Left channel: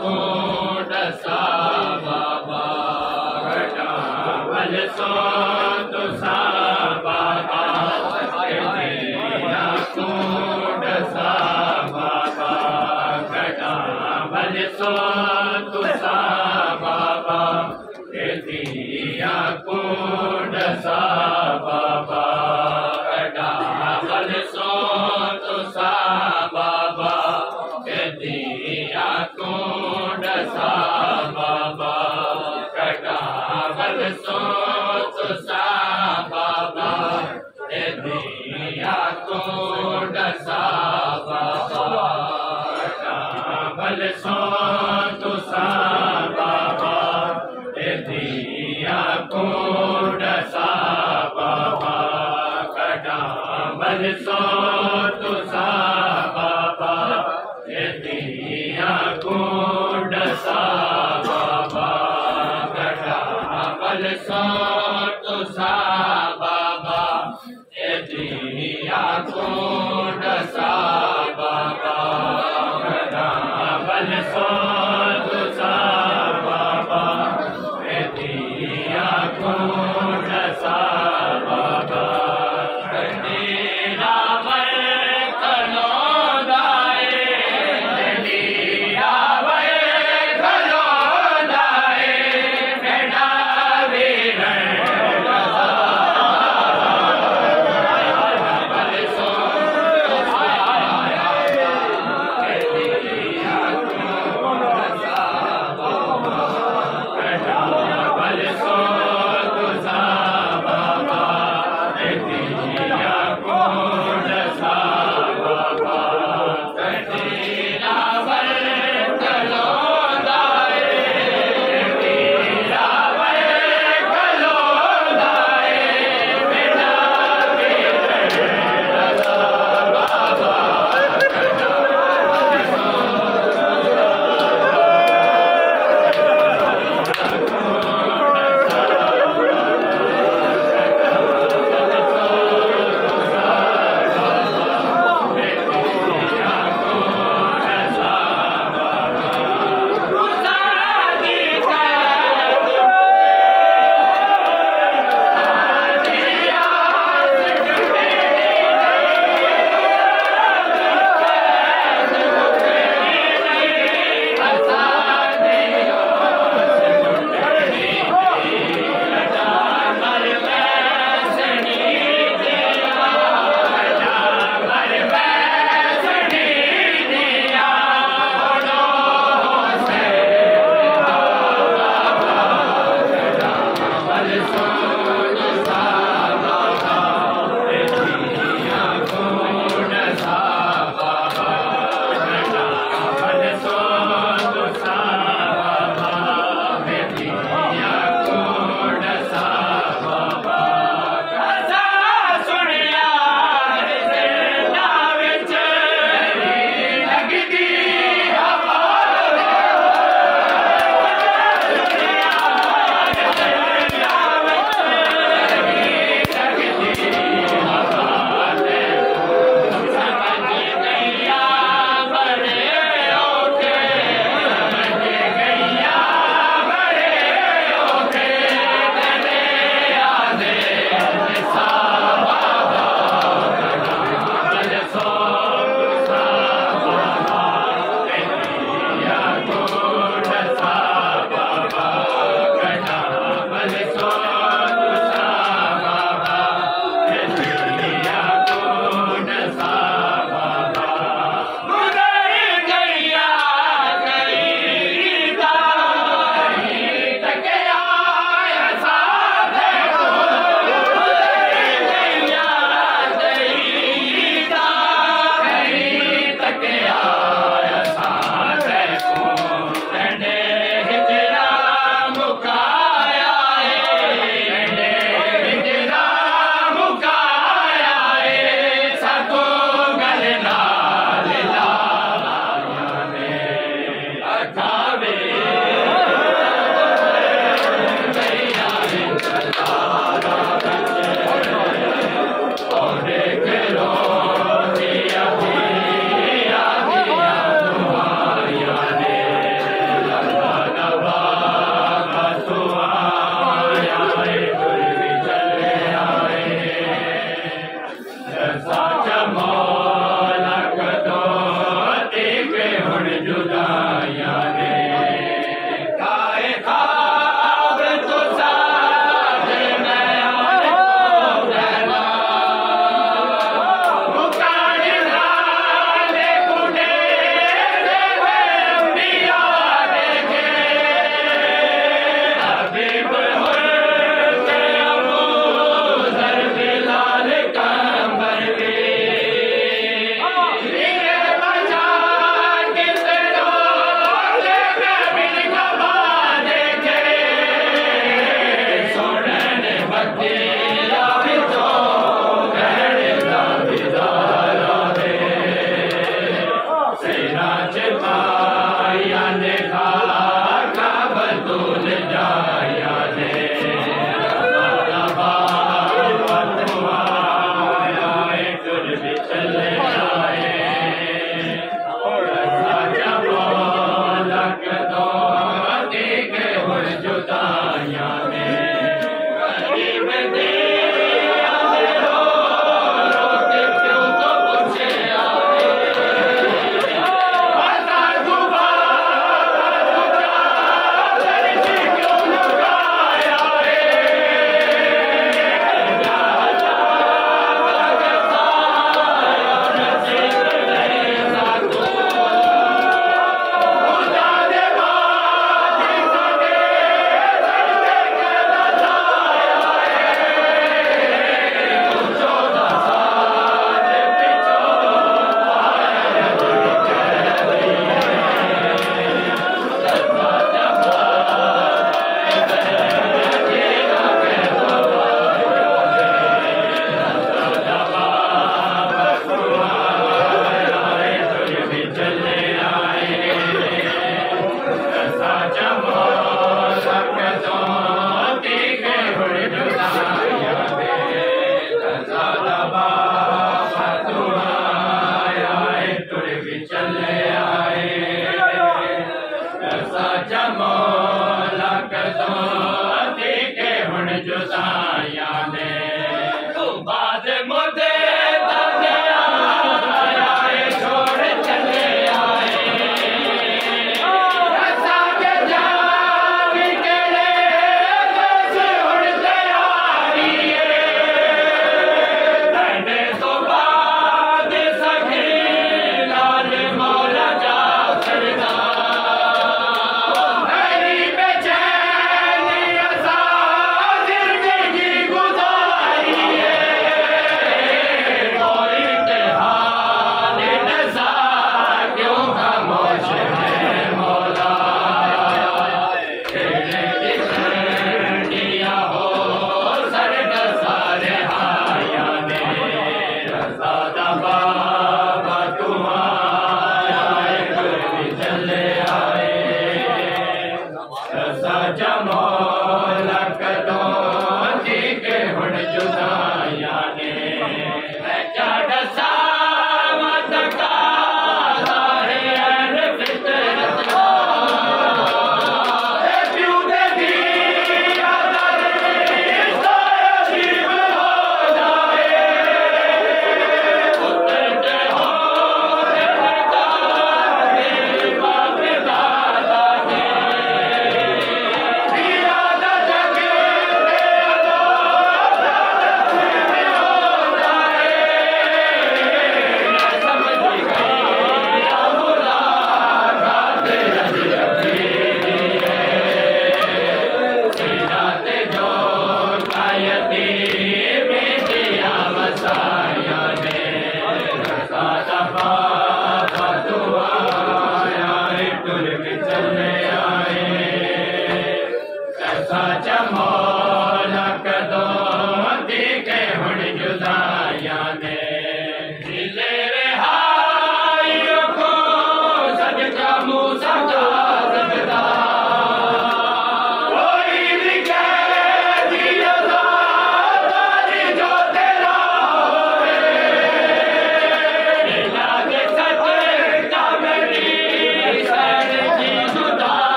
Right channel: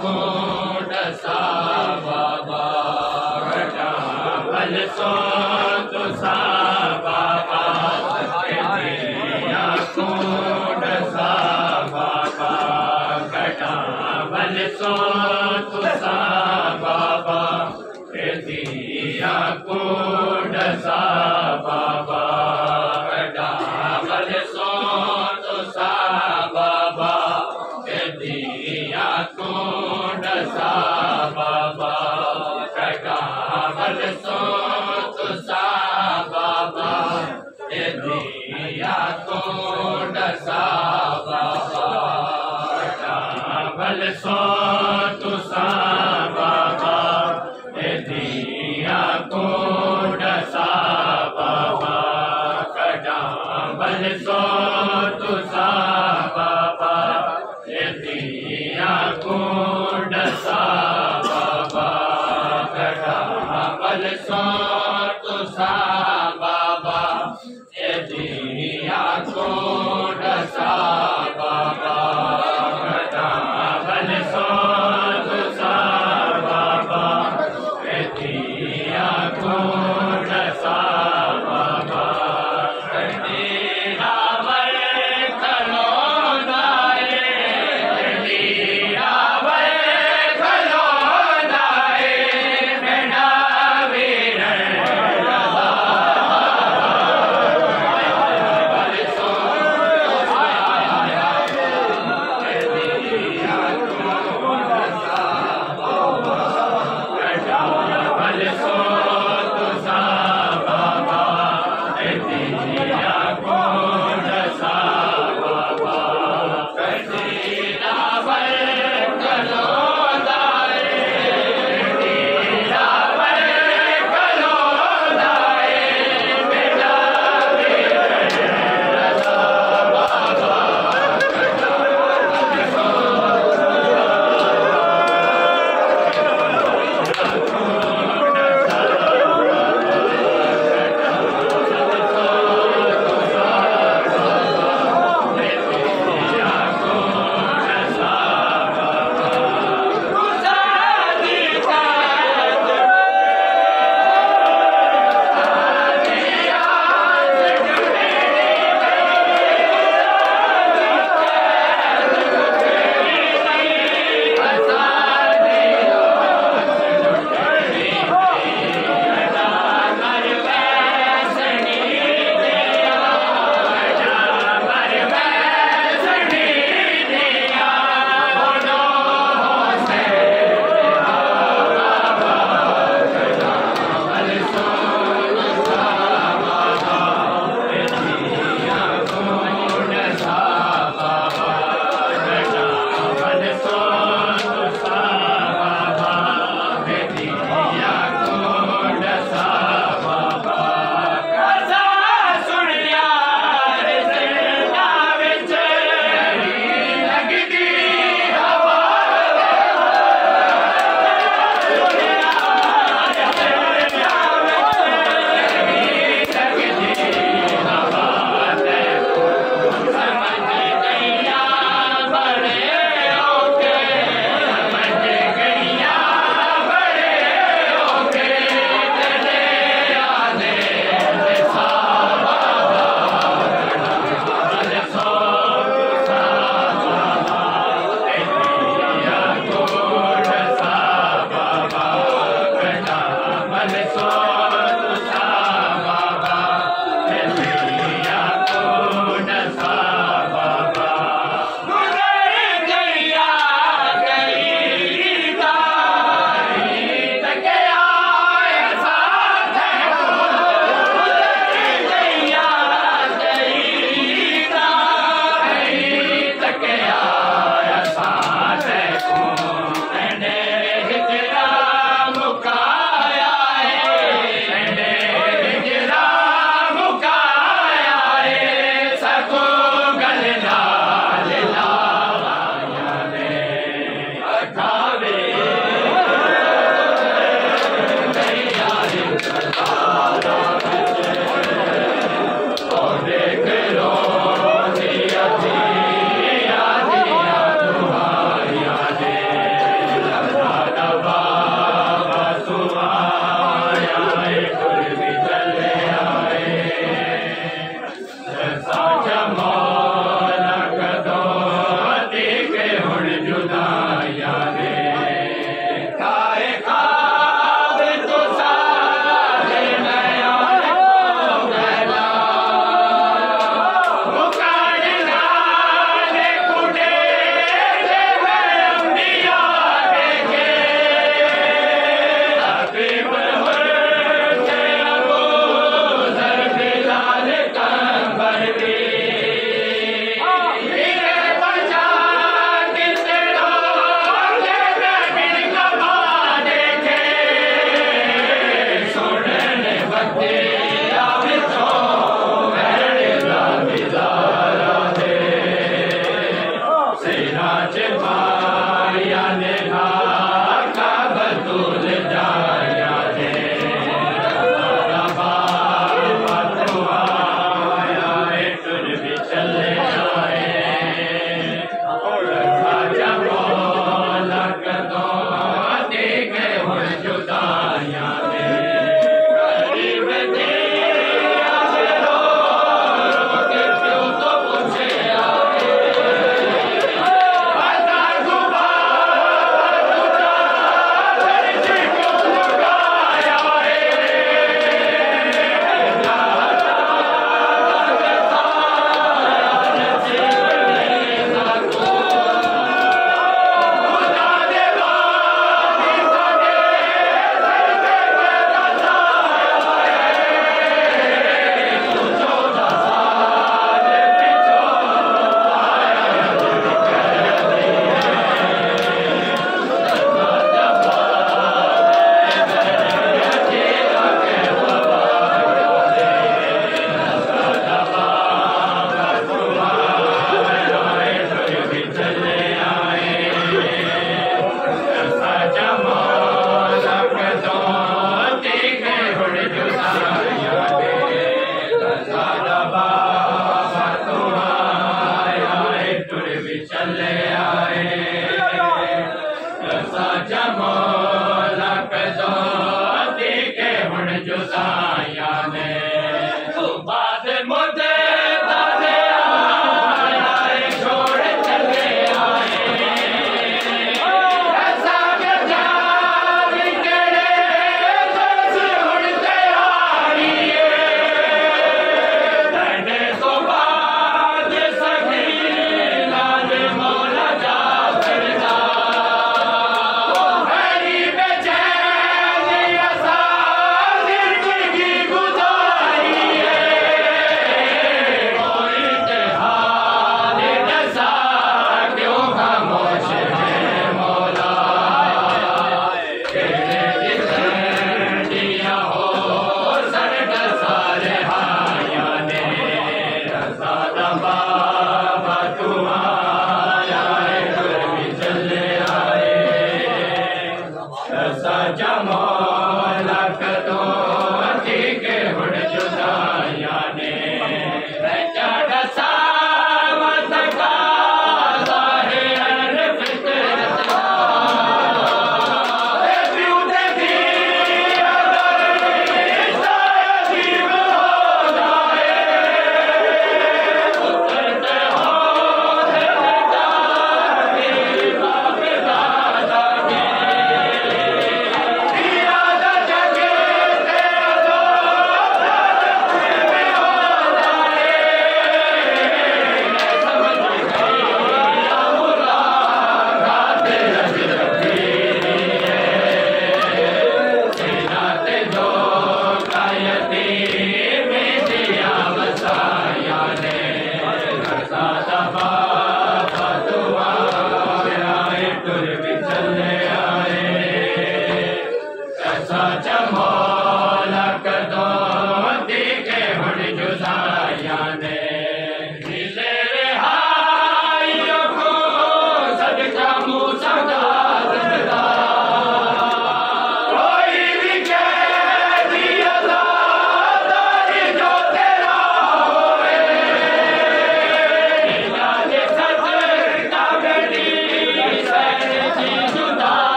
Code सा बाबा घटावल सो तो सा बाबा दिया कोड सा बाबा घटावल सो तो सा बाबा दिया कोड सा बाबा घटावल सो तो सा बाबा दिया कोड सा बाबा घटावल सो तो सा बाबा दिया कोड सा बाबा घटावल सो तो सा बाबा दिया कोड सा बाबा घटावल सो तो सा बाबा दिया कोड सा बाबा घटावल सो तो सा बाबा दिया कोड सा बाबा घटावल सो तो सा बाबा दिया कोड सा बाबा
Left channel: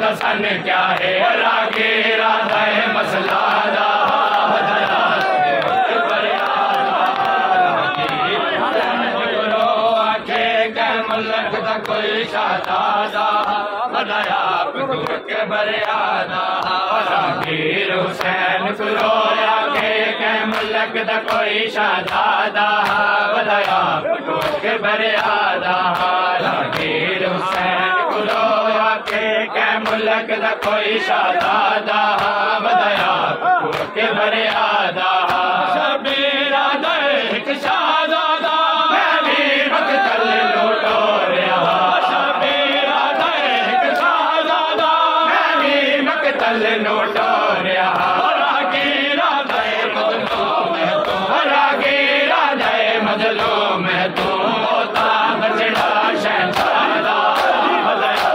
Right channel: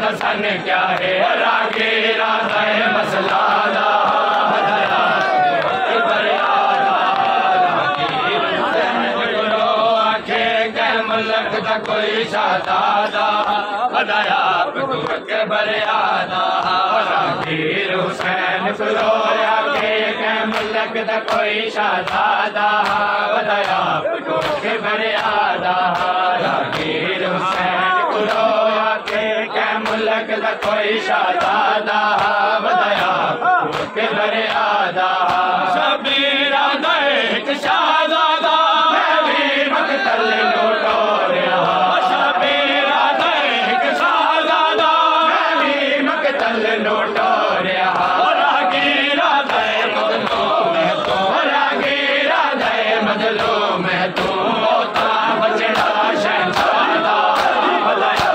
दसन क्या है रागे राधा मसला दा कोई शहजादा बधाया के बरियादा वीर हुसैन को रोया के मुल्क दा कोई शहजादा बधाया के बरियादा वीर हुसैन को रोया के मुल्क दा कोई शहजादा बधाया के बरियादा शबीरा एक शहजादा मैं भी मकतल लुटोरिया शबीरा एक शहजादा मैं भी मकतल लुटोरिया रागीरा दे मजलो में तू होता बचड़ा शहजादा बधाया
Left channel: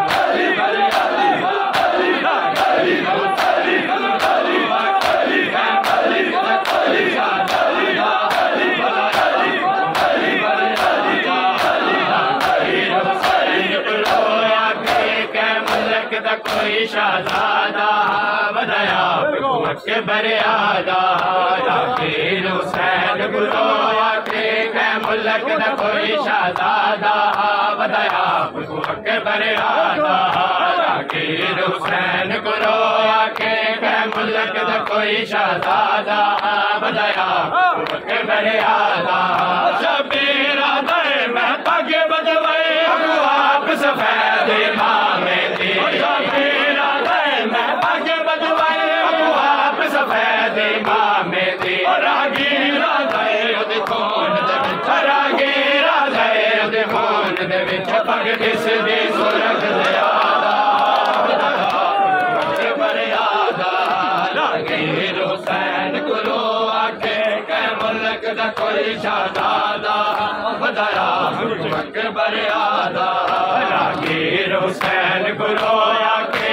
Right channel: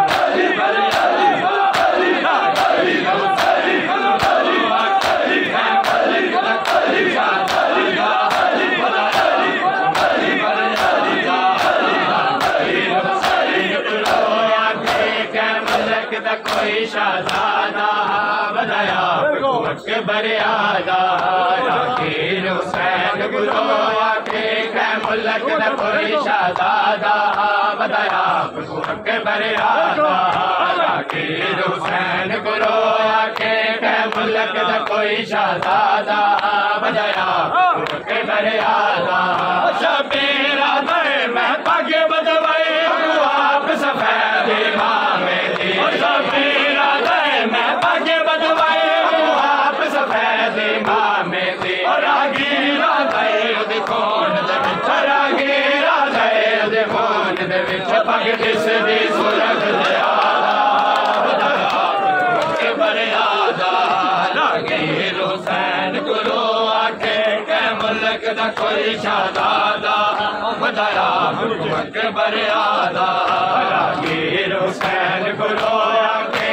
बरियादा कोई शहजादा बधाया के बरियादा वीर हुसैन को रोया के मुल्क दा कोई शहजादा बधाया के बरियादा वीर हुसैन को रोया के मुल्क दा कोई शहजादा बधाया के बरियादा शबीरा दे मैं पग बजवाए आप सफेद इमामे दी शबीरा दे मैं पग बजवाए आप सफेद इमामे दी रागीरा दे उदे खून दे विच रागीरा दे उदे खून दे विच पग दिस दी सुरग ज़ियादा बरियादा रागीर हुसैन को रोया के मुल्क दा कोई शहजादा बधाया के बरियादा रागीर हुसैन को रोया के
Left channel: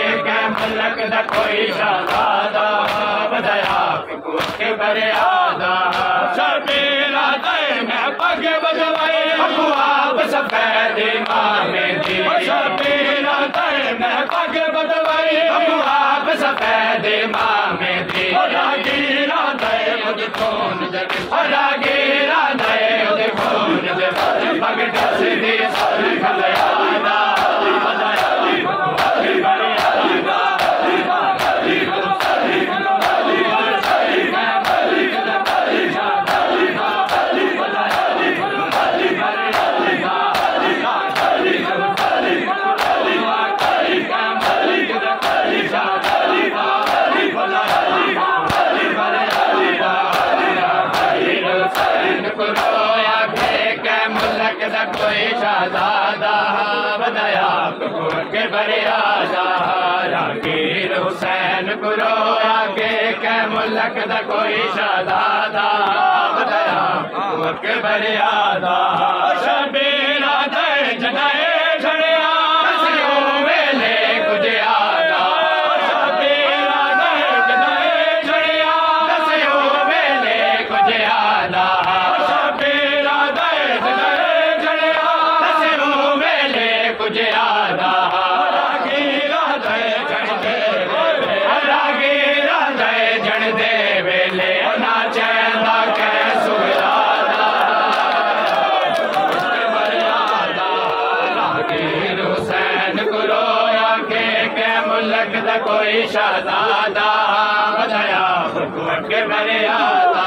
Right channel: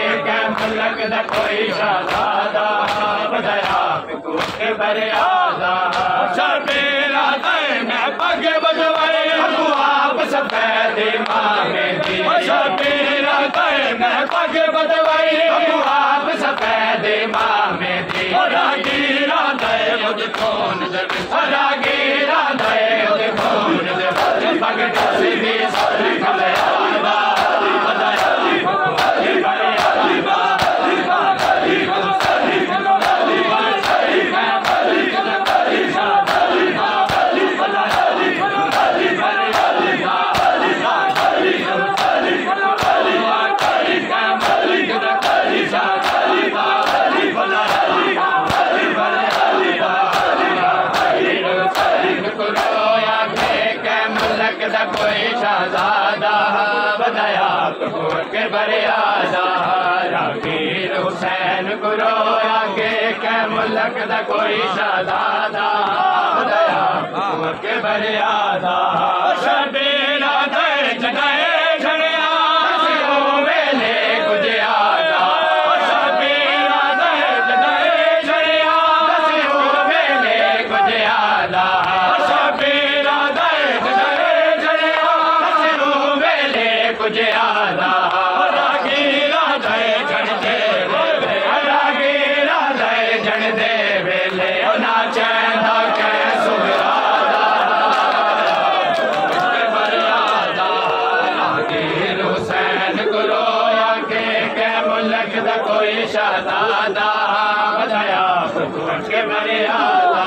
मुल्क दा कोई शहजादा बधाया के बरियादा शबीरा दे मैं पग बजवाए आप सफेद इमामे दी शबीरा दे मैं पग बजवाए आप सफेद इमामे दी रागीरा दे मुझ खून दे रागीरा दे मुझ खून दे पग दस दी सुरग ज़ियादा बधाया बरियादा कोई शहजादा बधाया के बरियादा वीर हुसैन को रोया के मुल्क दा कोई शहजादा बधाया के बरियादा शबीरा दे जनाए झड़िया वेले गुजरिया शबीरा दे जनाए झड़िया वेले गुजरिया शबीरा दे गुजरादा रागीरा जय जन दे वेले ना चैंदा कै सुगरादा बरियादा रागीर हुसैन को रोया के मुल्क दा कोई शहजादा बधाया के बरियादा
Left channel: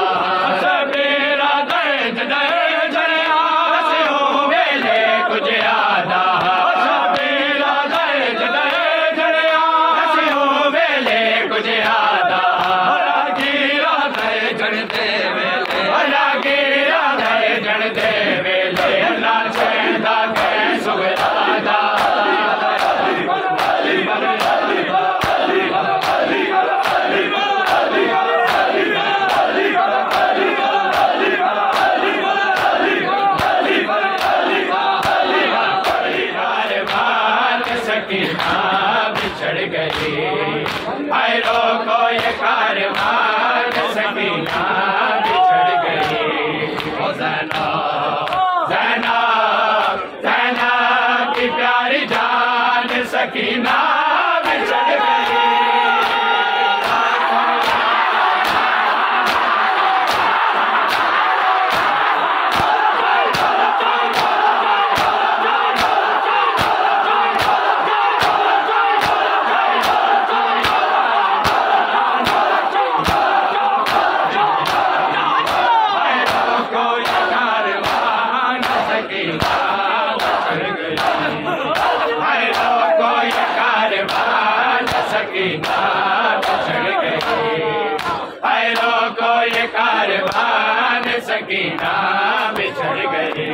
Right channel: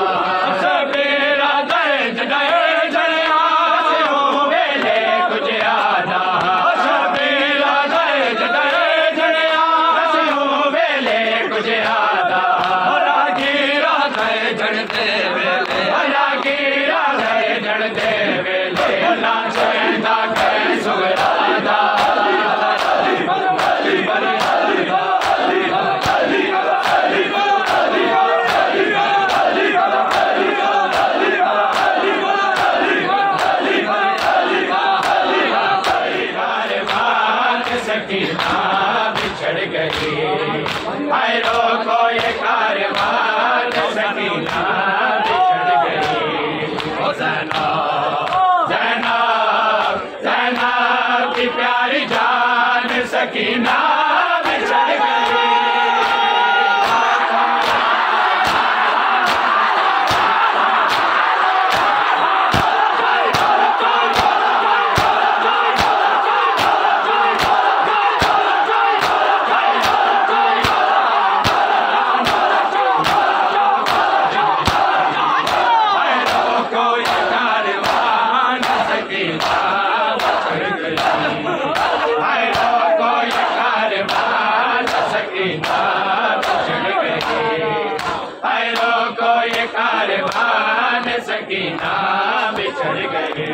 शबीरा दे जनाए झड़िया वेले गुजरादा रागीरा दे जन दे वेले रागीरा दे जन दे वेले ना चैंदा कै सुगरादा सकीना बिछड़ गई आयरो को ये कारवान सकीना बिछड़ गई ज़ैना ज़ैना ज़ैना की प्यारी जान सकीना बिछड़ गई बिछड़ गई। हैरो को ये कारवान सकीना बिछड़ गई।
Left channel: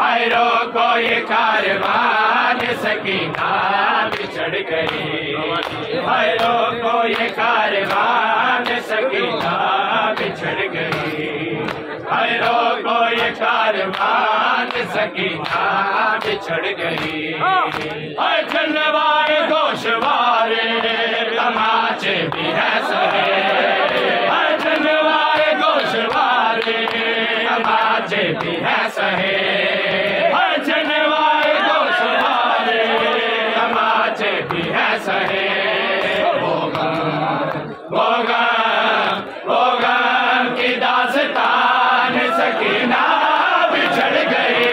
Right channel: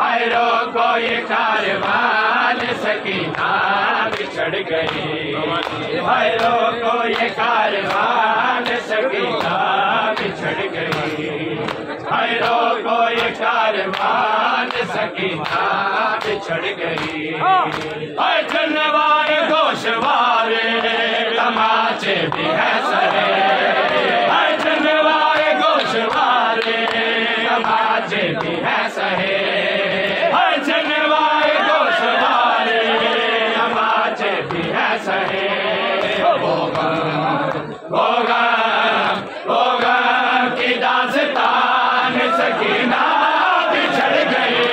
हैरो को ये कारवान सकीना बिछड़ गई। हैरो को ये कारवान सकीना बिछड़ गई। हैरो को ये कारवान सकीना बिछड़ गई। है जनवार गोशवारे तमाचे भी है सहे। है जनवार गोशवारे तमाचे भी है सहे। है जनवार गोशवारे तमाचे भी है सहे। होगा की दास्तान सकीना बिछड़ गई।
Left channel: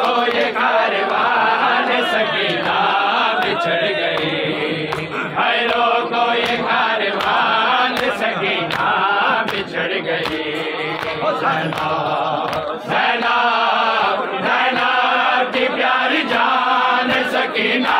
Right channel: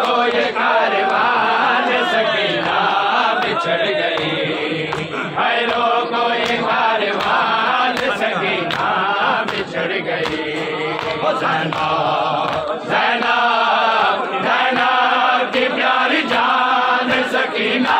को ये कारवान सकीना बिछड़ गई। हैरो को ये कारवान सकीना बिछड़ गई। ज़ैनब की प्यारी जान सकीना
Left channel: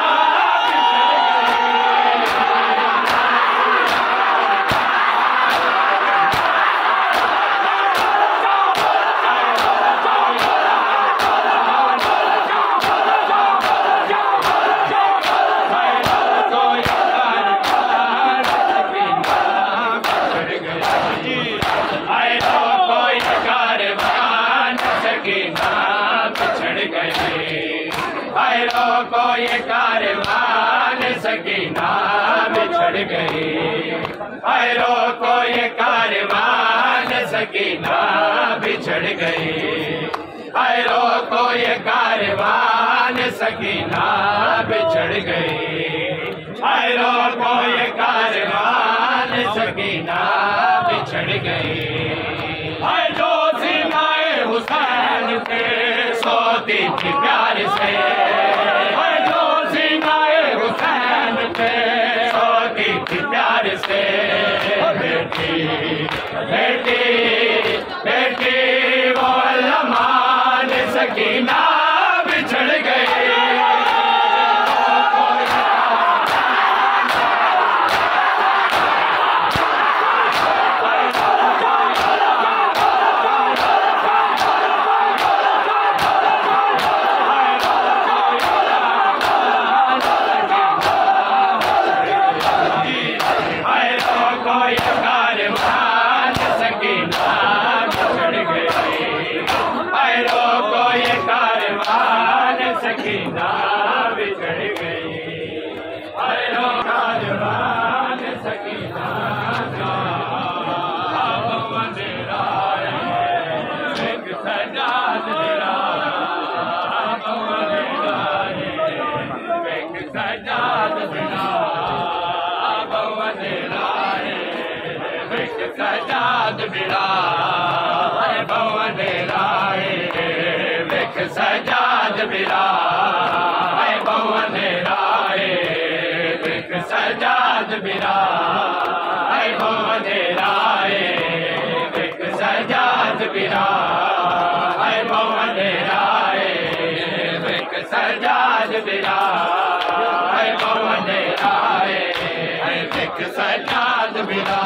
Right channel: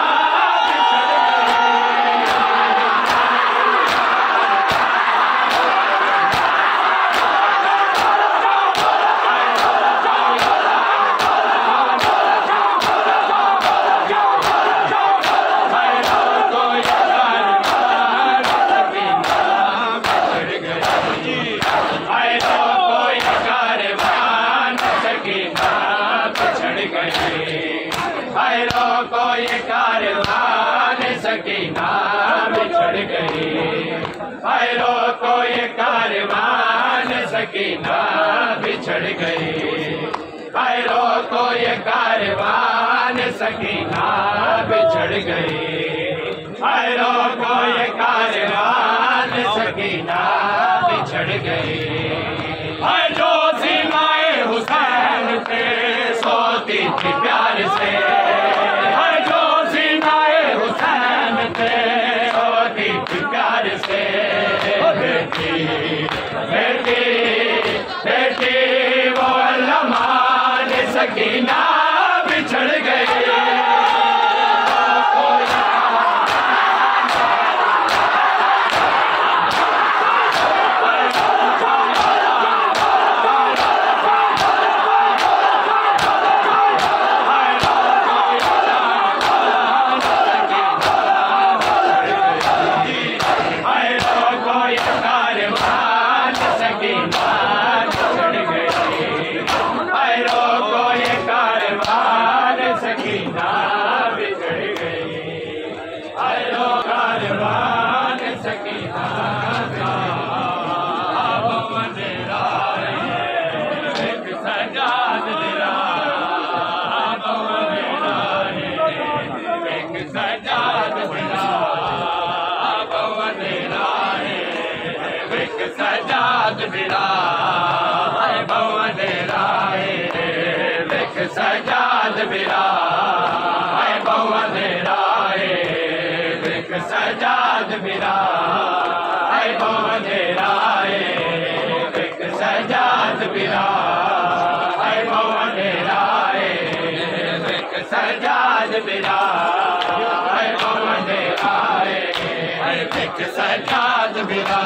हैरो को ये कारवान सकीना बिछड़ गई। हैरो को ये कारवान सकीना बिछड़ गई। हैरो को ये कारवान सकीना बिछड़ गई। हैरो को ये कारवान सकीना बिछड़ गई। जो सीनाए हुसैन पे सोती थी प्यार से। जो सीनाए हुसैन पे सोती थी प्यार से। बेटी बेटी बेटी वो अल्लामान सकीना बिछड़ गई। सजाद बिरा है भवन राय। विक सजाद बिरा है भवन राय। विक सजाद बिरा है भवन राय। विक सजाद बिरा है भवन राय। विक सजाद बिरा है भवन राय। विक सजाद बिरा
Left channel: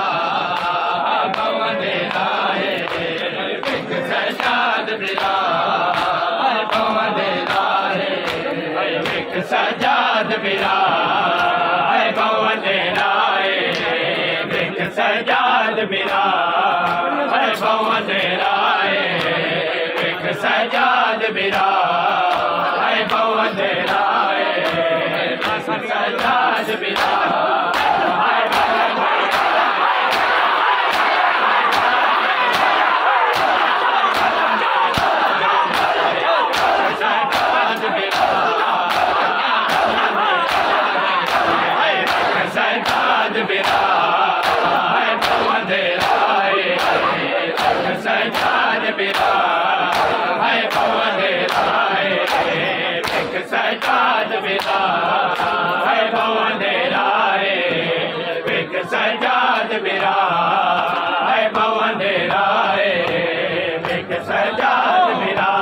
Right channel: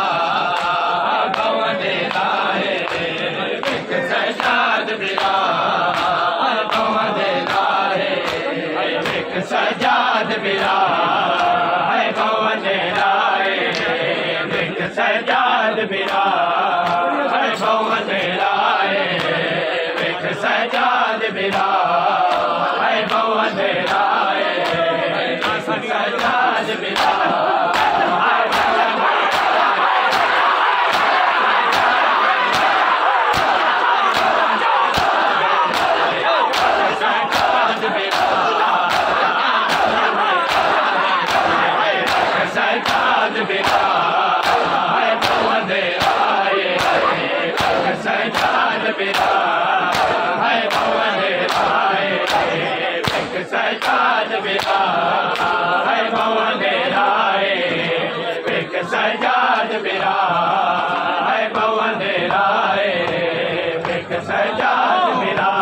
भवन राय। विक सजाद बिरा भवन राय। विक सजाद बिरा भवन राय। विक सजाद बिरा भवन राय। विक सजाद बिरा भवन राय। विक सजाद बिरा सजाद बिरा भवन राय। सजाद बिरा भवन राय। सजाद बिरा भवन राय। सजाद बिरा भवन राय। सजाद बिरा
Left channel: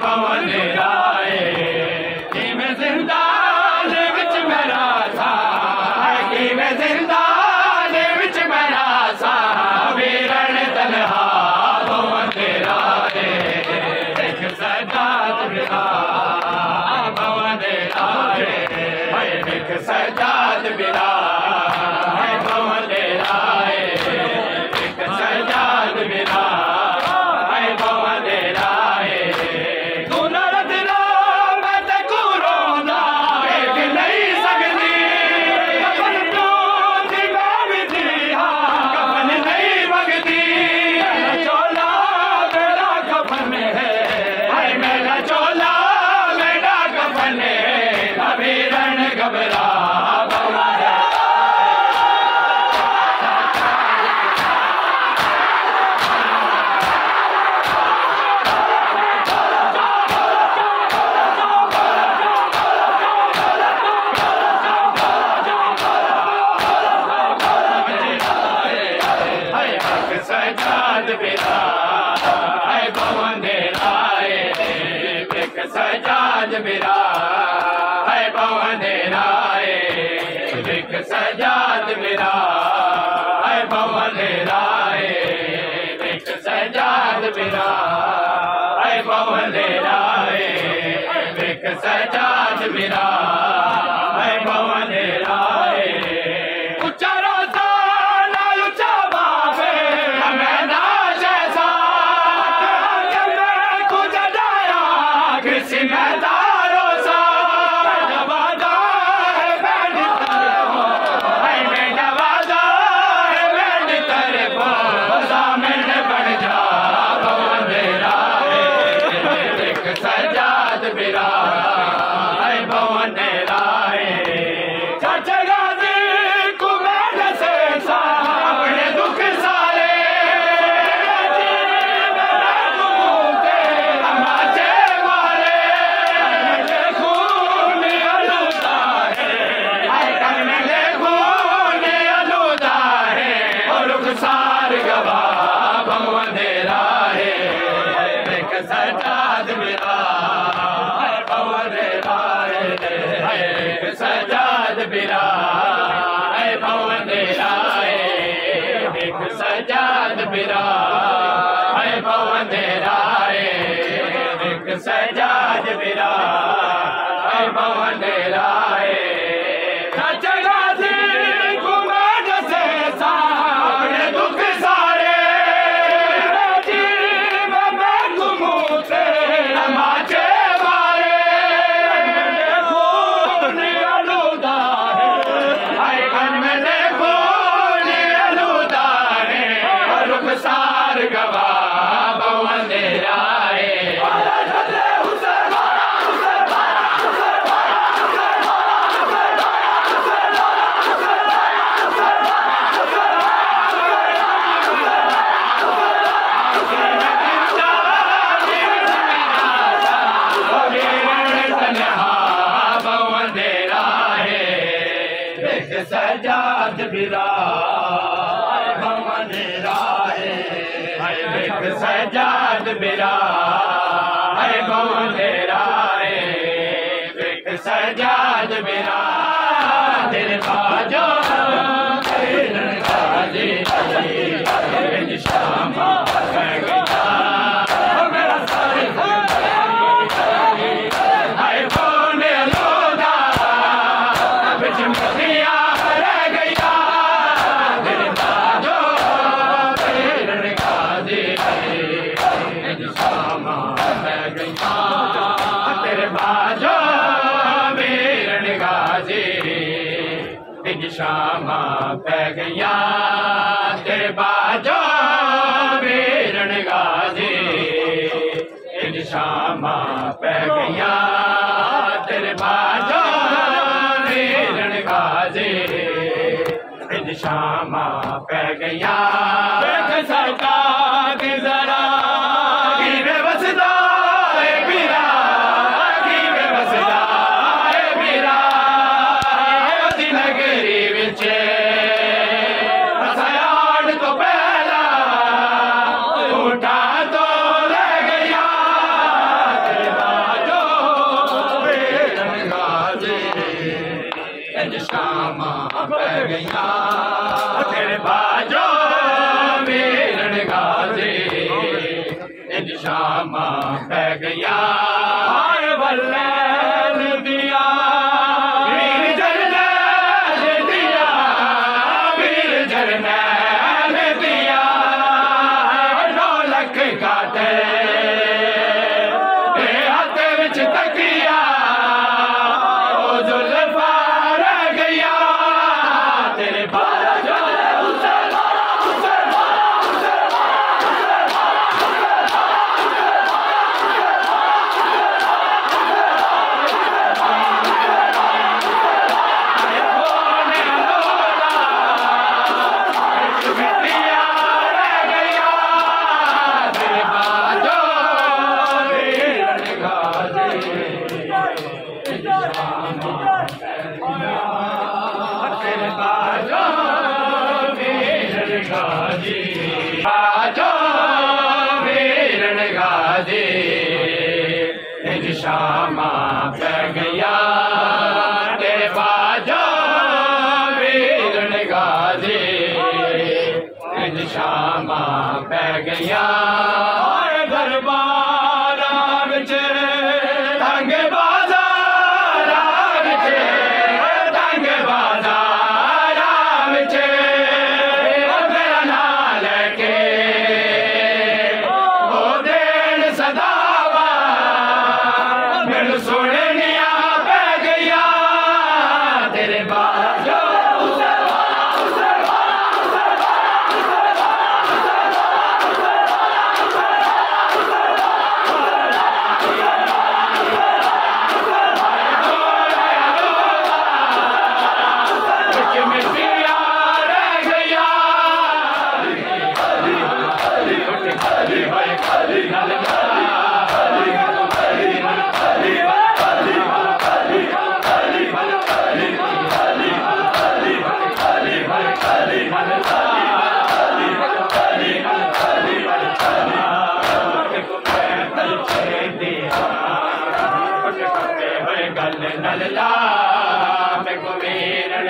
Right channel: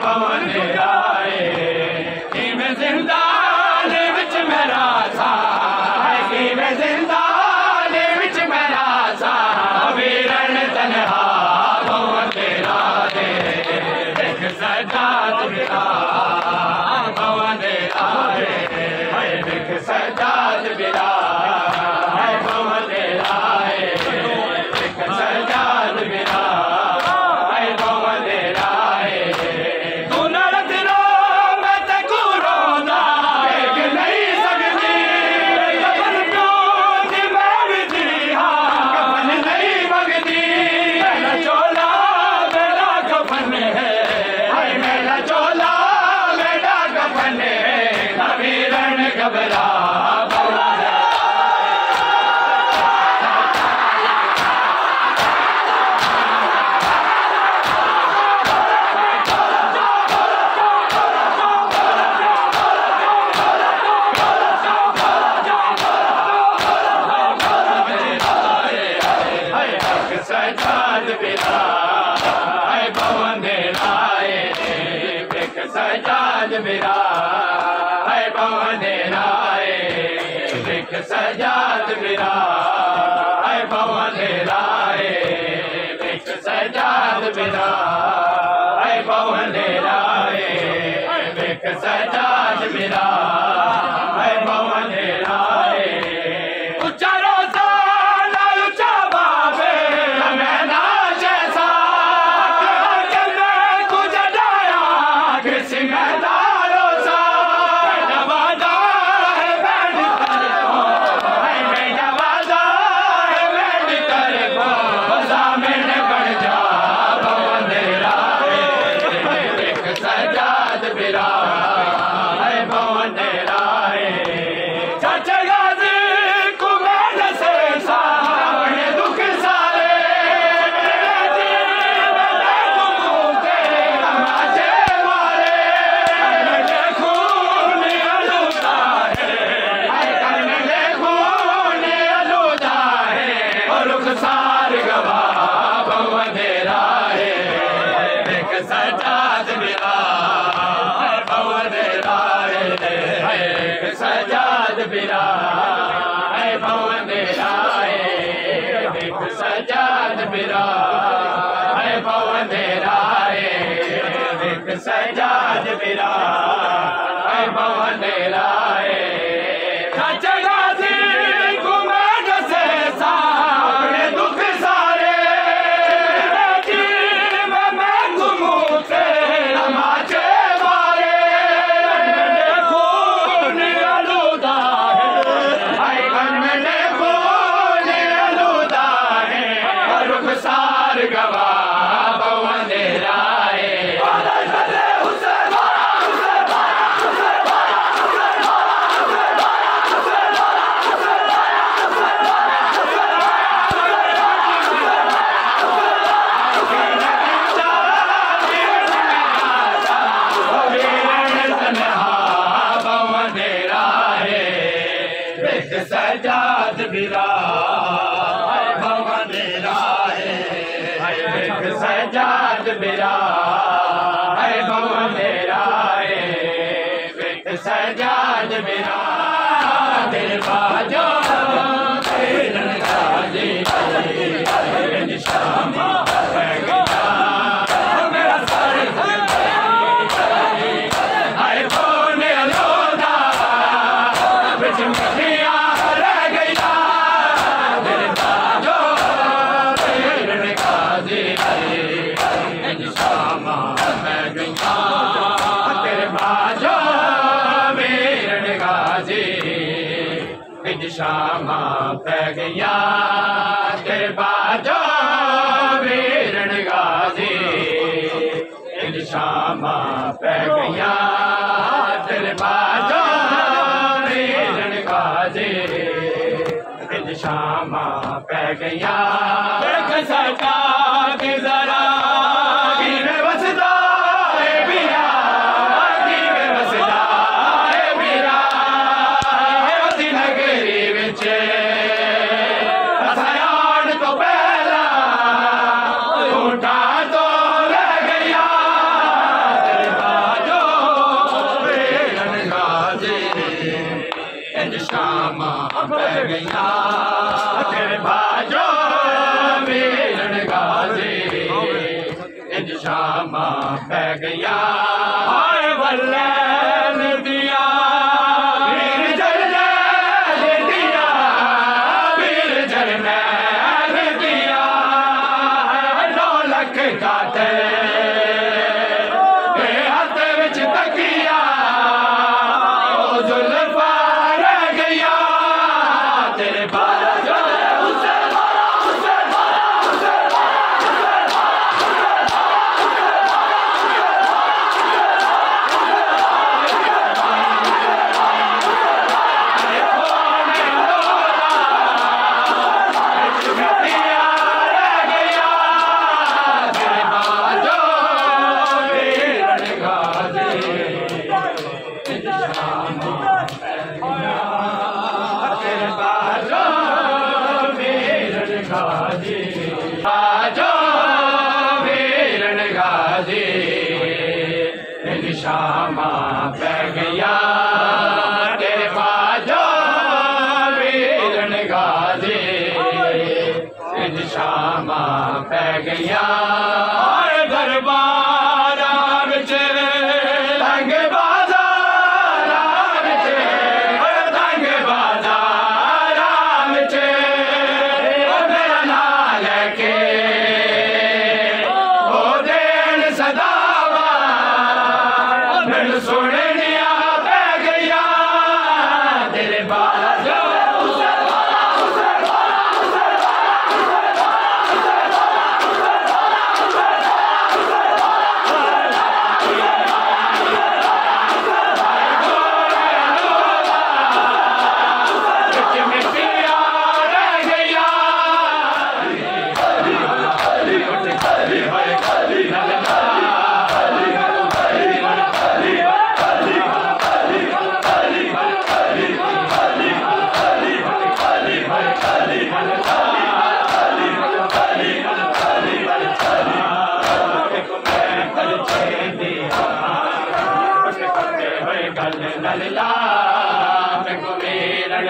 भवन राय। जिंदान विच मेरा सजाद बिरा है पवन राय एक सजाद बिरा है पवन राय तू नरद रो मैं ते कुरोना एक नहीं सकती कफन प्यों दी मैं भी दी कफन नहीं मंगती मेरा चोला मेरा कफन है मेरा चोला मेरा कफन है अभी रण घबरा सजाद बिरा है पवन राय एक सजाद बिरा है पवन राय एक सजाद बिरा है पवन राय एक सजाद बिरा है पवन राय एक सजाद बिरा है पवन राय उच्चारो सजाद बिरा है पवन राय चाचा गाजी कुमार से सारे दुख सारे घूमते नाचे मारे खून अलूदा है खून अलूदा है और रुख सार गवा पवन राय एक सजाद बिरा एक सजाद बिरा है पवन राय एक सजाद बिरा है पवन राय एक सजाद बिरा है पवन राय जगाजी कुमार से सारे दुख सारे जीव में घूमते नाचे सार गवा पवन राय पवन राय एक सजाद बिरा एक सजाद बिरा है पवन राय एक सजाद बिरा दिल बाजो गाजी श्यामा शामा पै गया तेरे बाजो वीरण गाजी शामा पै गया तेरे बाजो वीरण गाजी शामा पै गया सका के जरा बसदा शामा पै गया तेरे बाजो वीरण गाजी शामा पै गया बल्ले दिया शामा पै गया दरबार विच तंग बाजार विच तंग बाजार विच मेरा नाम लेके ओ देन सदावा मैनू सुननिया पै गया तेरे बाला जो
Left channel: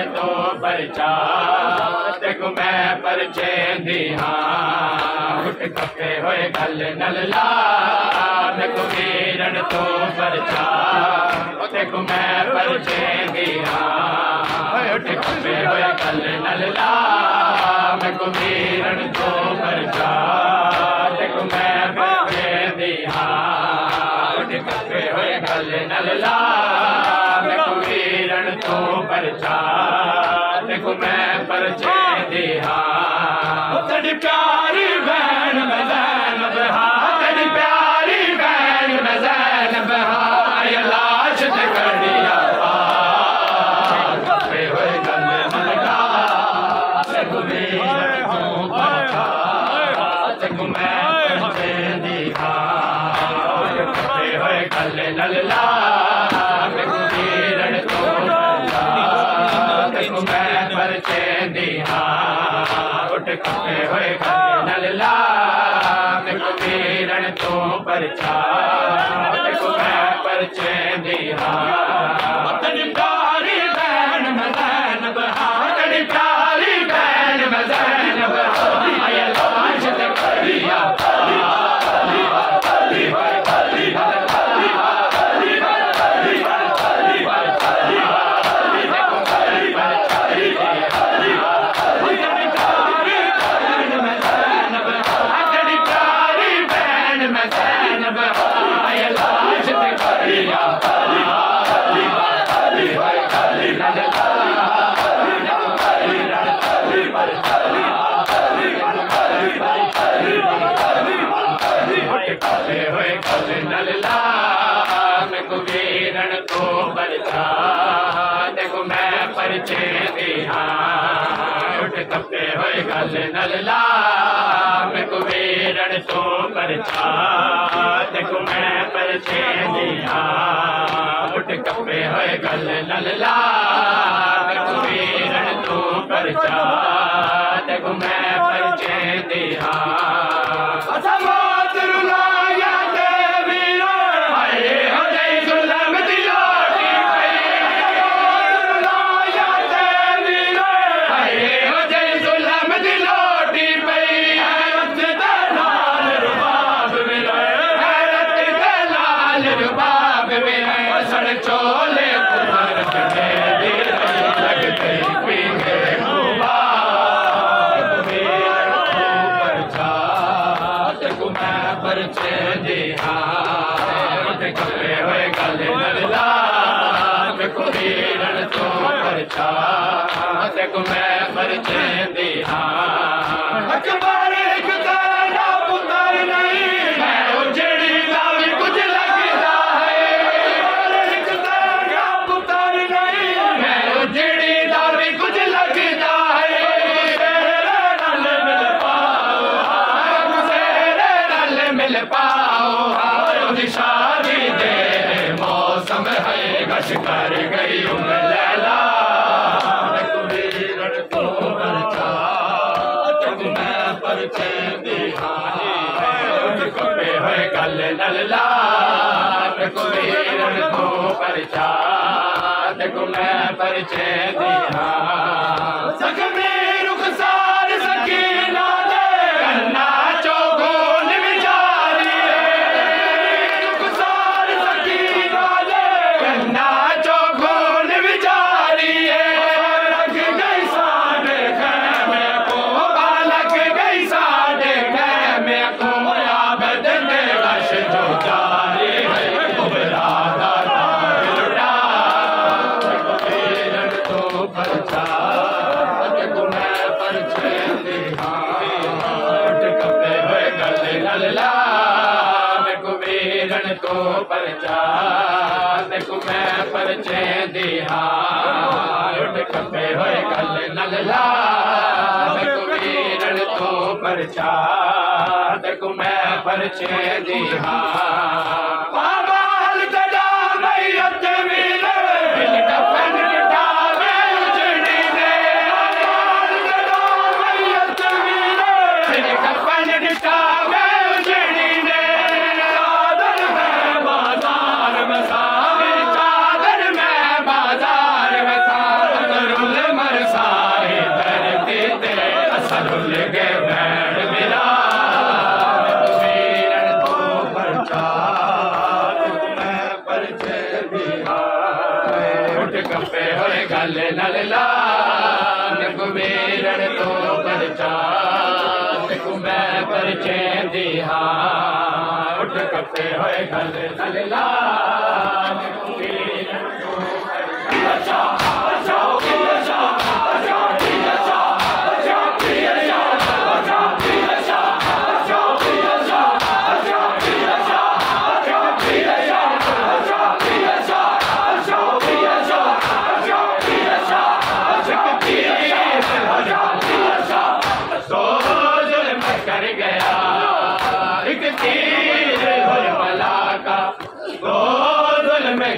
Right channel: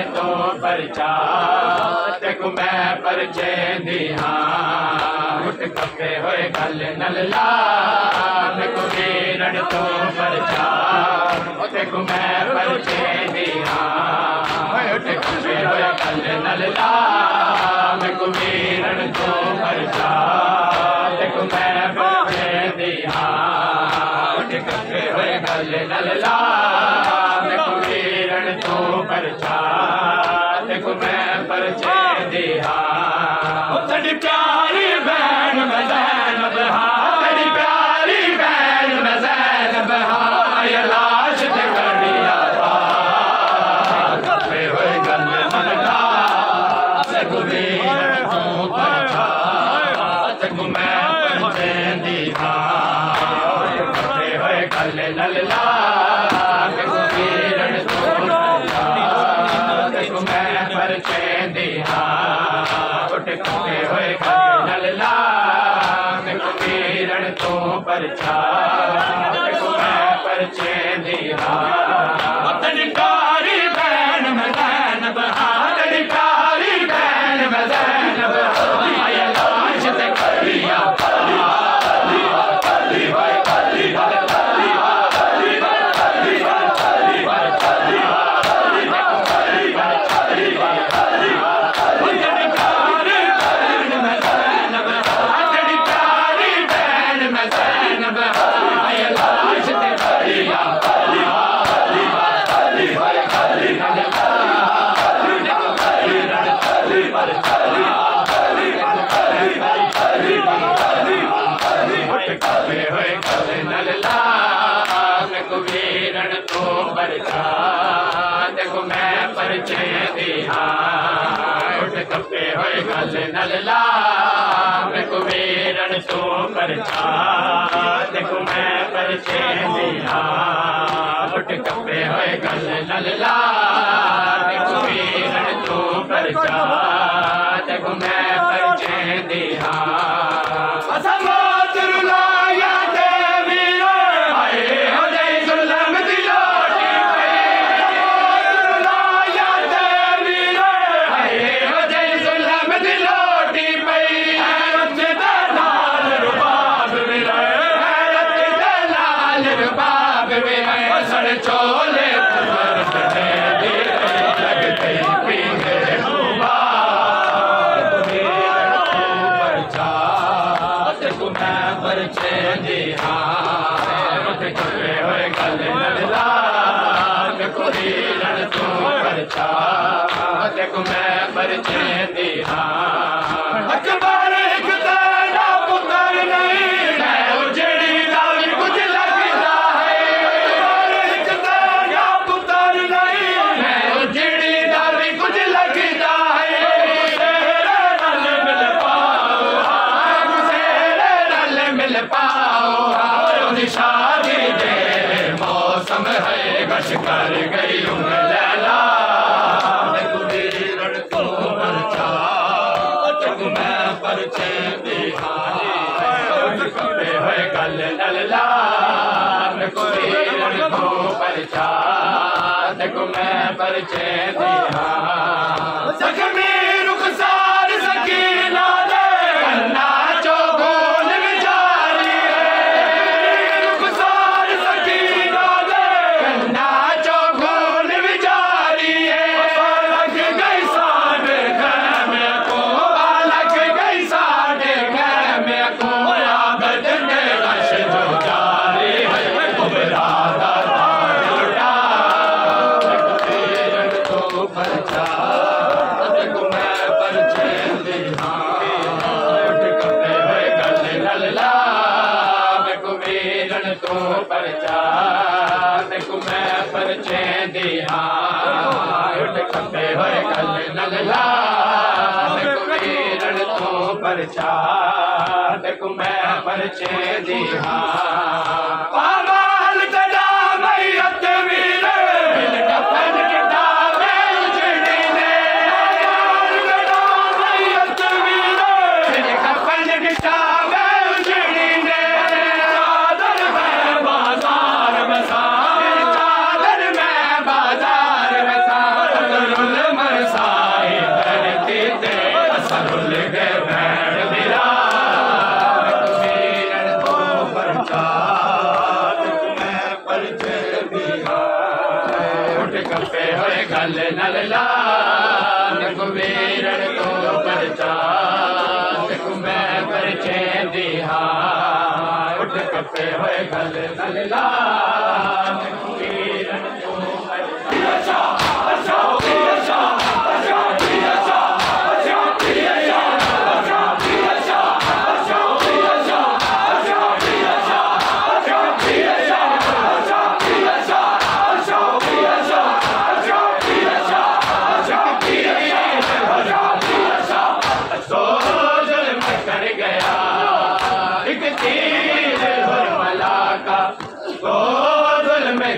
तो परचा तेको मैं परचे दी हाँ उठ खपे होए गल नल्ला मेको वीरन तो परचा तेको मैं परचे दी हाँ उठ खपे होए गल नल्ला मेको वीरन तो परचा तेको मैं परचे दी हाँ उठ खपे होए गल नल्ला मेको वीरन तो परचा देखो मैं परचे दिया तेरी प्यारी बहन मैं ज़ैनब तेरी प्यारी बहन मैं ज़ैनब ये लाश ते कड़िया कपे होए गल नल्ला देखो वीरन तो परचा देखो मैं परचे दिया कपे होए गल नल्ला देखो वीरन तो मैं परचे दिया उठ खपे होए नल्ला मेको वीरन तो परचा देखो मैं परचे दिया तेरी प्यारी बहन मैं ज़ैनब तेरी प्यारी बहन मैं ज़ैनब ये लाश ते कड़िया वीरन तो परचा देखो मैं परचे दिया उठ खपे होए गल नल्ला मेको वीरन तो परचा देखो मैं परचे दिया उठ खपे होए गल नल्ला मेको वीरन तो परचा देखो मैं परचे दिया चोले लगते पींगे देखो मैं परचे दिया हुए गले नल्ला देखो वीरन तो परचा देखो मैं परचे दिया शादी दे मौसम है गश कर गई लैला वीरन को परचा मैं परचे दिया हुए गल नल्ला वीरन को परचा देखो मैं परचे दिया परचा देखो मैं परचे दिखा उठ कपे होए गल लल्ला देखो वीरन तो परचा देखो मैं परचे दिहा उठ कपे होए गल लल्ला देखो वीरन तो परचा देखो मैं परचे दिहा कपे होए गल लल्ला देखो वीरन तो परचा देखो मैं परचे दिहा उठ कपे होए गल लल्ला देखो वीरन तो परचा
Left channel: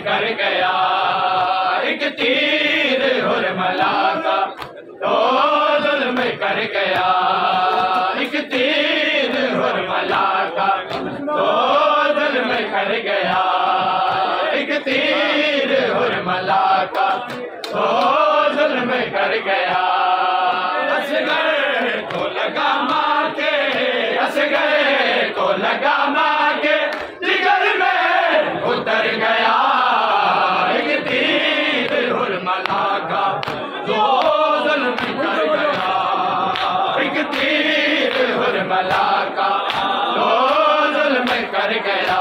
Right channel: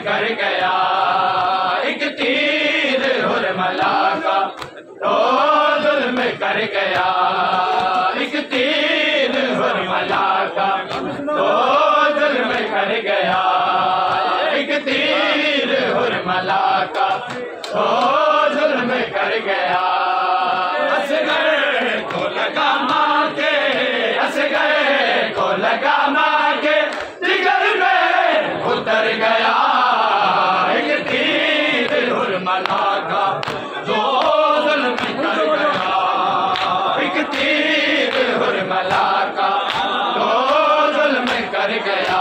कर गया एक तीर हुरमला का तो जुल्म कर गया एक तीर हुरमला का तो जुल्म कर गया एक तीर हुरमला का तो जुल्म कर गया असगर को लगा माके असगर को लगा माके जिगर में उतर गया का जो जुल्म कर गया एक तीर हुरमला का जो जुल्म कर गया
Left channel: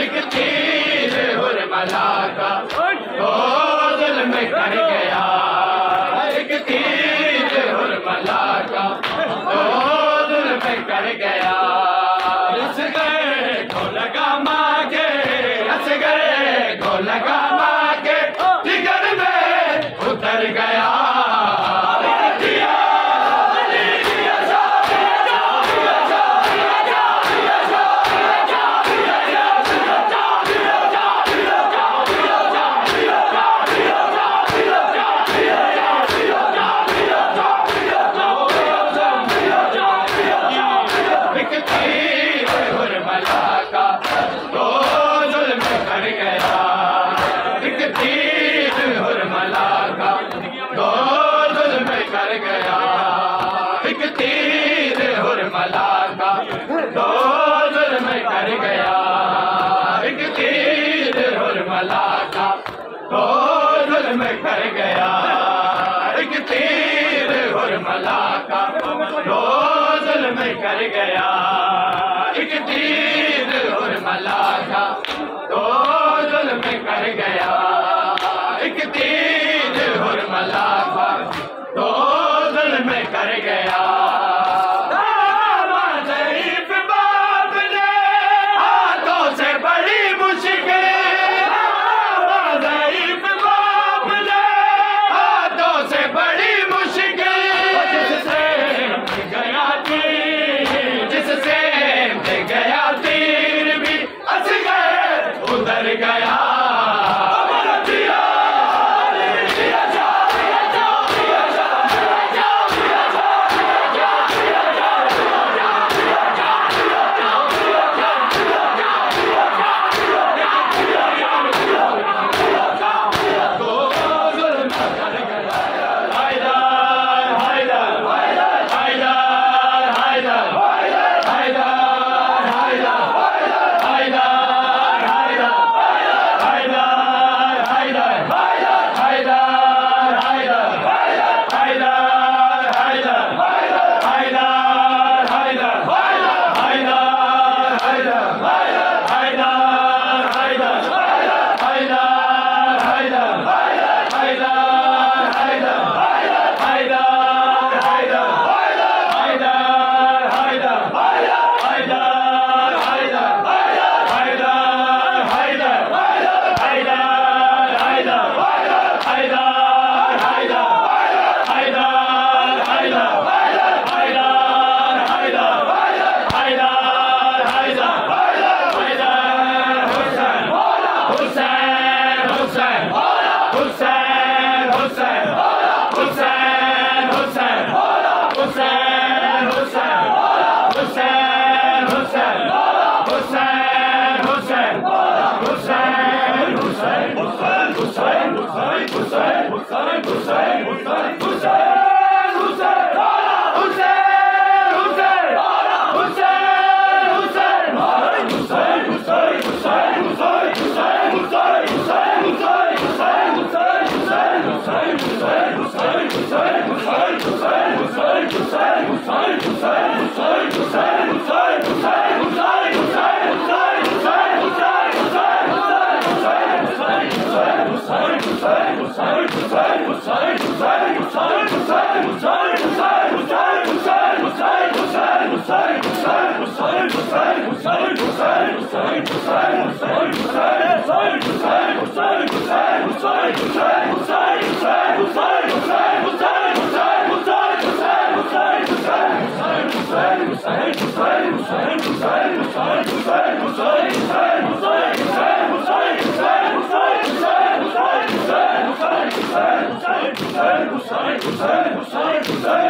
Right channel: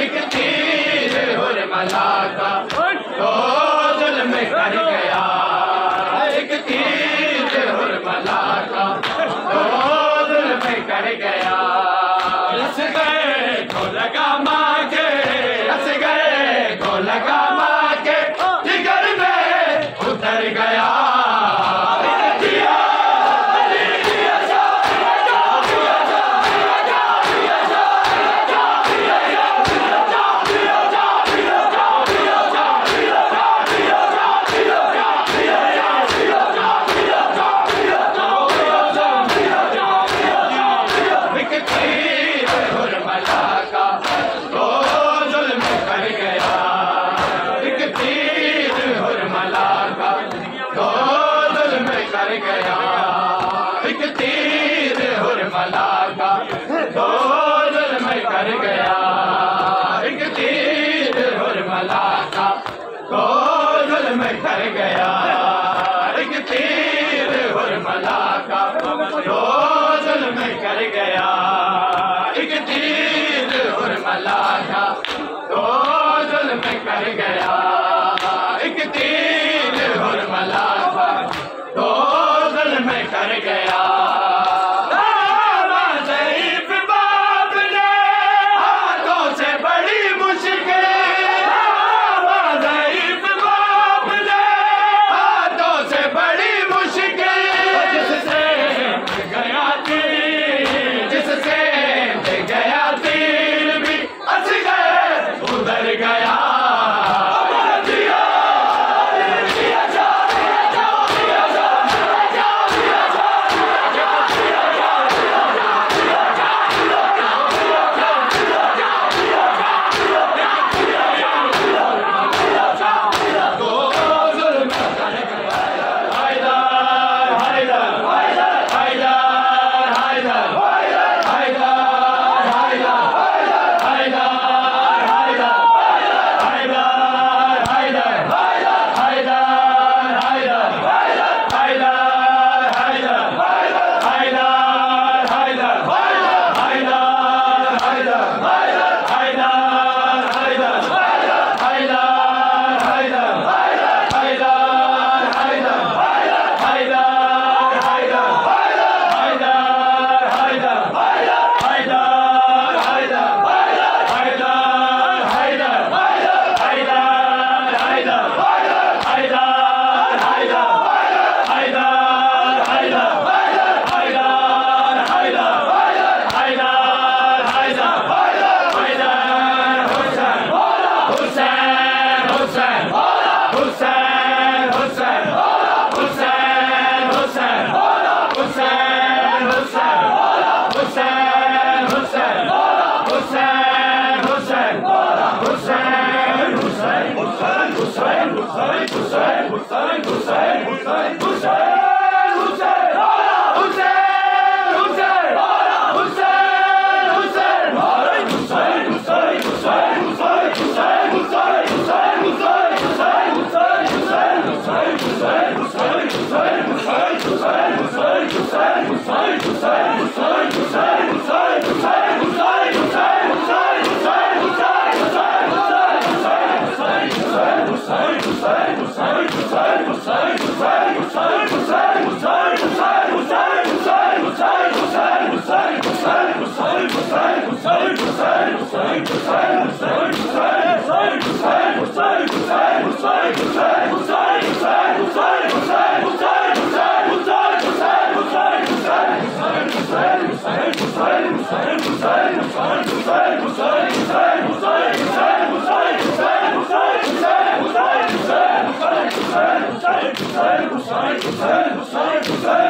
एक तीर हुरमला का जो जुल्म कर गया एक तीर हुरमला का जो जुल्म कर गया असगर को लगा माके असगर को लगा माके जिगर में उतर गया एक तीर हुरमला का दो जुल्म कर गया एक तीर हुरमला का दो जुल्म कर गया एक तीर हुरमला का दो जुल्म कर गया एक तीर हुरमला का दो जुल्म कर गया एक तीर हुरमला का दो जुल्म कर गया ज़ईफ़ बाप ने हाथों से बड़ी मुश्किल ज़ईफ़ बाप ने हाथों से बड़ी मुश्किल जिससे गया तीर जिससे गया तीर भी असगर उधर गया Hussein, Hussein, Hussein, Hussein, Hussein, Hussein, Hussein,